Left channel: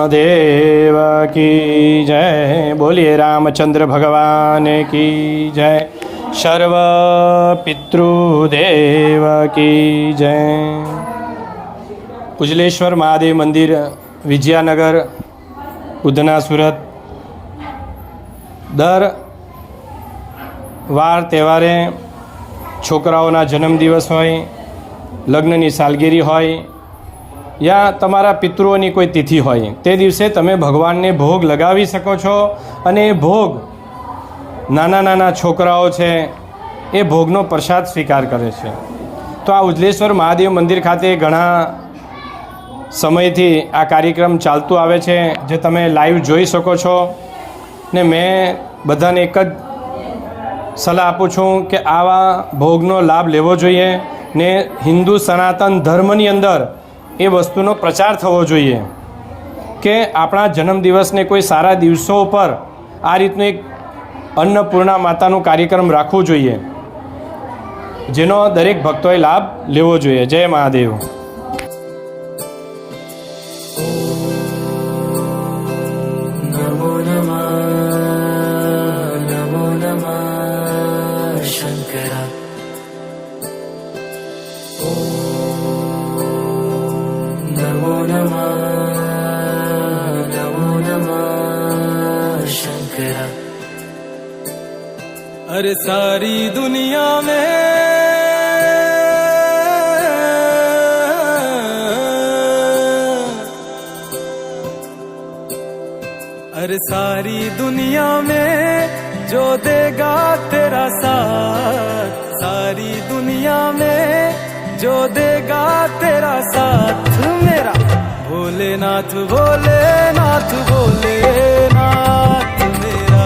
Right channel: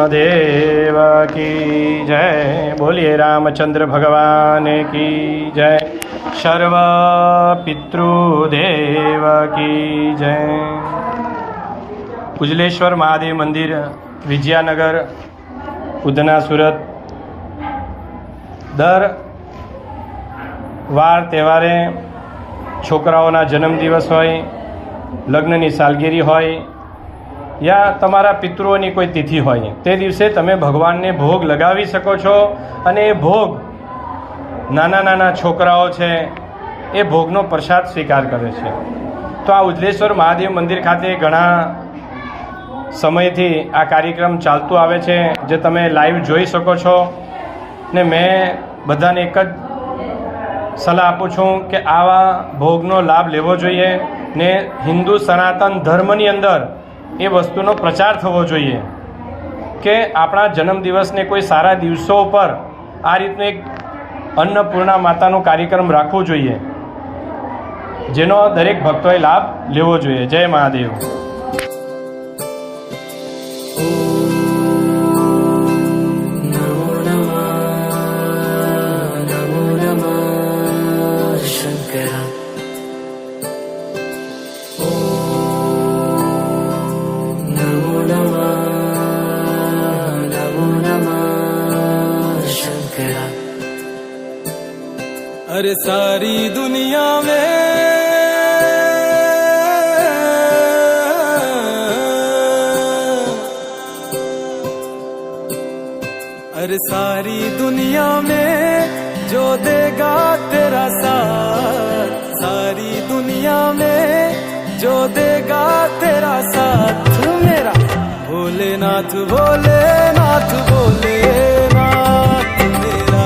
महादेव की जय। बोलिए रामचंद्र भगवान की जय। सर्व पितृदेव की जय। उजलेश्वर महादेव मंदिर, विजयानगर, उधना, सूरत। दर વાર તહેવારે છોકરાઓના જન્મદિવસ હોય, લગ્નની સાલગીરી હોય યા તમારા પિતૃઓની કોઈ તિથિ હોય, તે દિવસે તમે ભગવાનને ભોગ લગાવી શકો છો અને એ ભોગ નાના નાના છોકરાઓ છે એ ભોગનો પ્રસાદ સ્વીકાર કરે છે. તો આ ઉજલેશ્વર મહાદેવ મંદિર ખાતે ઘણા સમયથી આ કાર્યક્રમ ચાલતો આવે છે, જે તમે લાઈવ જોઈ શકો છો. ને મેં બધાને એક જ સલાહ આપું છું કે આવા ભોગનો લાભ લેવો જોઈએ ને હિન્દુ સનાતન ધર્મની અંદર એ વસ્તુનો પ્રચાર થવો જોઈએ કે આપણા જન્મદિવસને કોઈ સારા દિવસો ઉપર આ રીતનું એક અન્નપૂર્ણા માતાનું કાર્યક્રમ રાખવો જોઈએ, જેનો દરેક ભક્તોએ લાભ લેવો જોઈએ. જય મહાદેવ. अरे सारी दुनिया में अरे सारी दुनिया में जो देगा तेरा साथ, सारी दुनिया में जो देगा तेरा साथ मेरा भोलेनाथ, भोलेनाथ, भोलेनाथ मेरा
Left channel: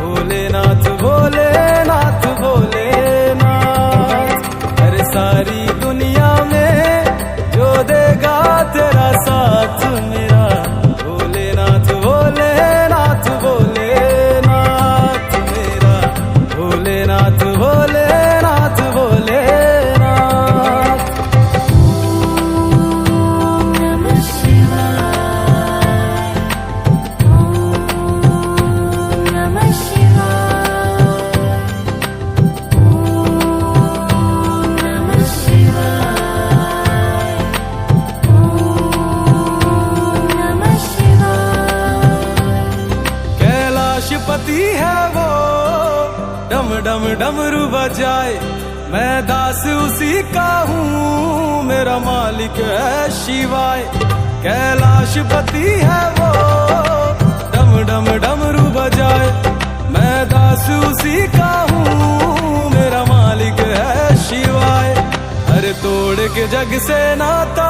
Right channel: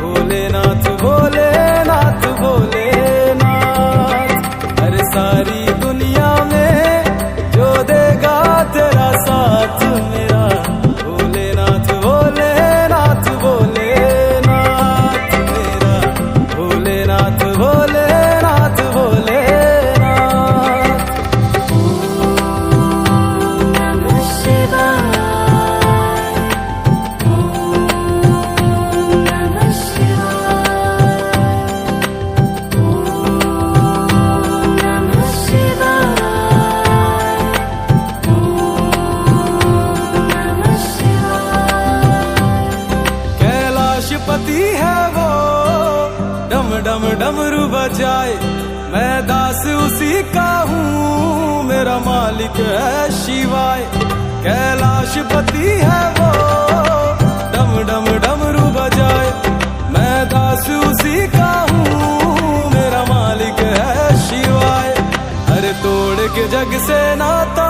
भोलेनाथ, भोलेनाथ, भोलेनाथ. अरे सारी दुनिया में जो देगा तेरा साथ मेरा भोलेनाथ, भोलेनाथ, भोलेनाथ मेरा भोलेनाथ, भोलेनाथ, भोलेनाथ. ओम नमः शिवाय, ओम नमः शिवाय, ओम नमः शिवाय, ओम नमः शिवाय. कैलाशपति है वो डम डम डमरू बजाए, मैं दास उसी का हूँ, मेरा मालिक है शिवाय. कैलाशपति है वो डम डम डमरू बजाए, मैं दास उसी का हूँ, मेरा मालिक है शिवाय. अरे तोड़ के जग से नाता